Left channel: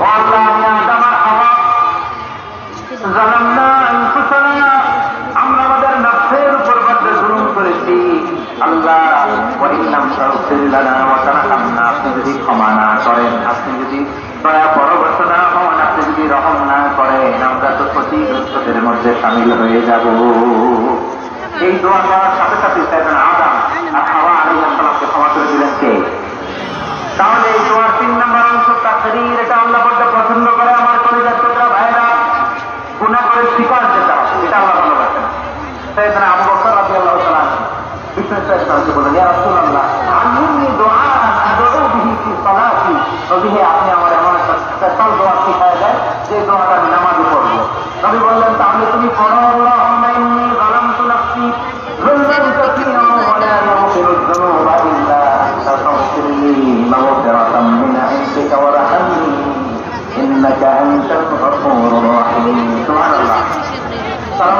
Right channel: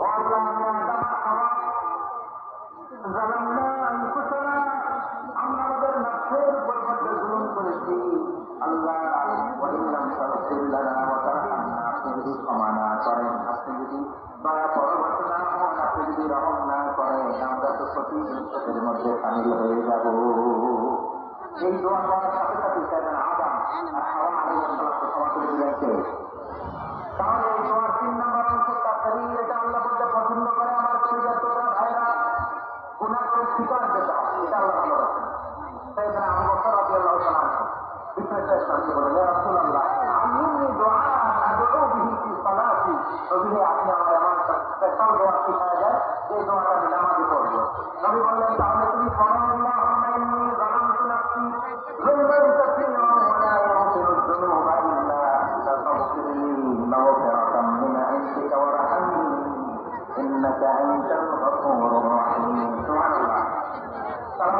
ও আল্লাহ, আমি আদম আর হাওয়া জালামনা আনফুসানা, আমরা আমাদের নফসের উপর বড্ড জুলুম করেছি। আল্লাহ, ওয়া ইন লাম তাগফির লানা ওয়া তারহামনা, আপনি যদি ক্ষমা না করেন, আপনি যদি দয়া পরবশ না হন, আপনি যদি রহম না করেন, আমরা তো ক্ষতিগ্রস্তদের মধ্যে শামিল হয়ে যাব। এই দোয়া করার সাথে সাথে সাইয়েদনা আদম আর হাওয়া আলাইহিস সালামকে ক্ষমা করে দিলেন কে? তাহলে এই দোয়ার 3 নম্বর অংশ তাকরীর, এটা আল্লাহ বড় পছন্দ করে। আমার কলিজার টুকরা ভাইরা, গুনাহ করে স্বীকার যেতে হবে, এটা আল্লাহ ভালোবাসেন। সাইয়েদনা আবু বকর রাদিয়াল্লাহু তাআলা বিশ্বনবী বলেন, ইয়া রাসূলুল্লাহ, আল্লিমনি দুআআন আদউ বিহি ফি সালাতি, নবী হে, আপনি আমার এমন একটা স্পেশাল দোয়া শিখায় দেন যে দোয়াটা আমি নামাজে পড়ব। নবী বললেন, তাহলে তুমি পড়ো, আল্লাহুম্মা ইন্নী যালামতু নাফসি যুলমান কাসীরা ওয়া লা ইয়াগফিরু যুনুবা ইল্লা আনতা ফাগফিরলি মাগফিরাতাম মিন ইনদিকা ওয়ারহামনি ইন্নাকা আনতাল গফুরুর রাহিম। সুবহানাল্লাহ। সালাম